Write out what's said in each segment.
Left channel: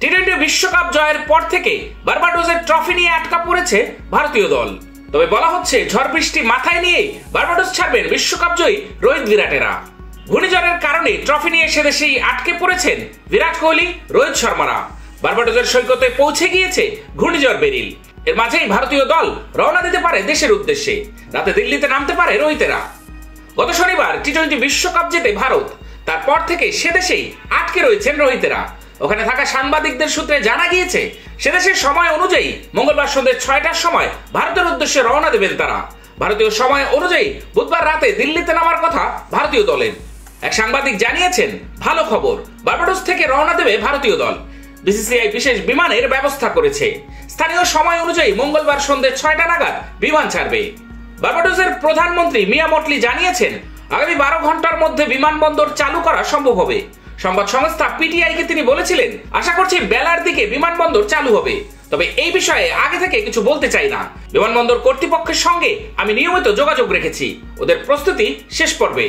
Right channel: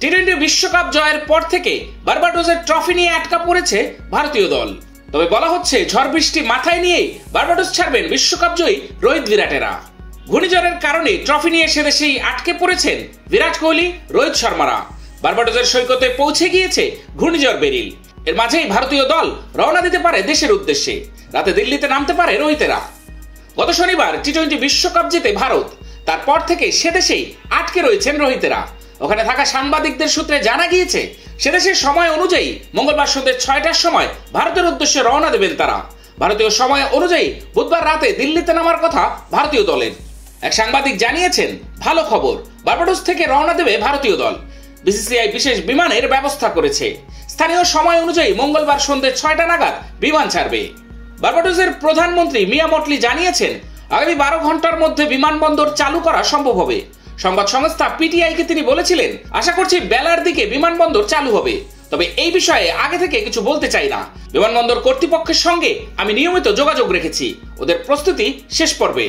টি-20 বিশ্বকাপ জয়ের পর থেকে বার্বাডোসের ট্রফি নিয়ে আটকা পড়েছে ভারতীয় দল। তবে বলা হচ্ছে ঝড় বৃষ্টি মাথায় নিয়ে বার্বাডোস ছাড়বেন বিশ্বকাপ জয়ী রোহিত বিরাটেরা। ঘূর্ণিঝড়ের কারণে ট্রফি নিয়ে সেদেশেই আটকে পড়েছেন বিরাট কোহলি, রোহিত শর্মারা। বার্বাডোসের সৈকতে পৌঁছে গিয়েছে ঘূর্ণিঝড় বেরিল। এর মাঝেই ভারতীয় দল রওনা দিতে পারে দেশের উদ্দেশ্যে। রাতে দিল্লিতে নামতে পারে রোহিতেরা। গত শনিবার টি-20 বিশ্বকাপ জিতে ভারত, তারপর থেকে সেদেশেই আটকে রয়েছেন রোহিতেরা। ওখানে থাকা সাংবাদিকদের সূত্রে জানা গিয়েছে সেদেশের সময় অনুযায়ী মঙ্গলবার সন্ধ্যে 6টার সময় ভারতের উদ্দেশ্যে রওনা দেবেন তারা। ভারতীয় সময় অনুযায়ী বুধবার রাতে দিল্লিতে নামার কথা ভারতীয় দলের। এক সাংবাদিক জানিয়েছেন, ভালো খবর, বার্বাডোস থেকে রওনা দেবে ভারতীয় দল। বিসিসিআই বিশেষ বিমানের ব্যবস্থা করেছে। স্থানীয় সময় অনুযায়ী মঙ্গলবার সন্ধ্যে 6টা নাগাদ বিমান ছাড়বে। বার্বাডোসের প্রধানমন্ত্রী মিয়া মটলি জানিয়েছেন, আগামী 12 ঘন্টার মধ্যে বিমানবন্দর চালু করা সম্ভব হবে। সংবাদ সংস্থা পিটিআইকে তিনি বলেছিলেন, আশা করছি বেলার দিকে বিমানবন্দর চালু হবে। তবে এই বিষয়ে আগে থেকে কিছু বলতে চাই না। বিমানবন্দর কর্তৃপক্ষের সঙ্গে আমি নিয়মিত যোগাযোগ রেখেছি। ওদের প্রস্তুতি শেষ পর্বে।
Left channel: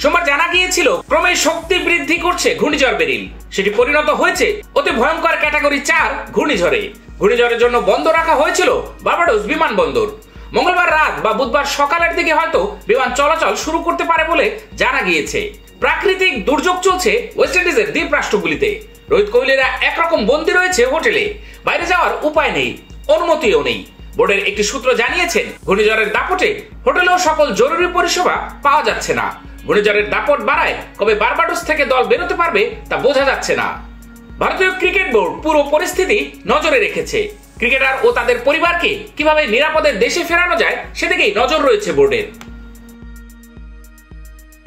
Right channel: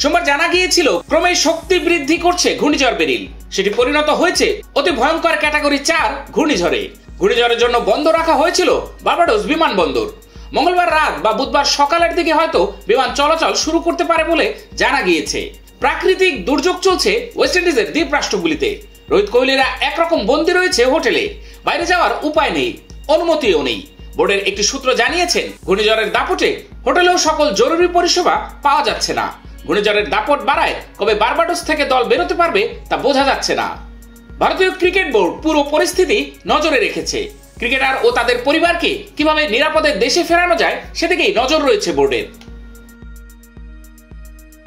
সোমবার জানা গিয়েছিল ক্রমে শক্তি বৃদ্ধি করছে ঘূর্ণিঝড় বেরিল। সেটি পরিণত হয়েছে অতি ভয়ঙ্কর ক্যাটাগরি 4 ঘূর্ণিঝড়ে। ঘূর্ণিঝড়ের জন্য বন্ধ রাখা হয়েছিল বার্বাডোস বিমানবন্দর। মঙ্গলবার রাত বা বুধবার সকালের দিকে হয়তো বিমান চলাচল শুরু করতে পারে বলে জানা গিয়েছে। প্রাকৃতিক দুর্যোগ চলছে ওয়েস্ট ইন্ডিজের দ্বীপ রাষ্ট্রগুলিতে। রোহিত কোহলিরা একরকম বন্দী রয়েছে হোটেলে। বাইরে যাওয়ার উপায় নেই, অনুমতিও নেই। বোর্ডের একটি সূত্র জানিয়েছেন, ঘূর্ণিঝড়ের দাপটে হোটেলেও সকল জরুরি পরিষেবা পাওয়া যাচ্ছে না। ঘূর্ণিঝড়ের দাপট বাড়ায় কবে বার্বাডোস থেকে দল বেরোতে পারবে তা বোঝা যাচ্ছে না। ভারতীয় ক্রিকেট বোর্ড পুরো পরিস্থিতি নজরে রেখেছে। ক্রিকেটার ও তাদের পরিবারকে কিভাবে নিরাপদে দেশে ফেরানো যায় সেদিকেই নজর রয়েছে বোর্ডের।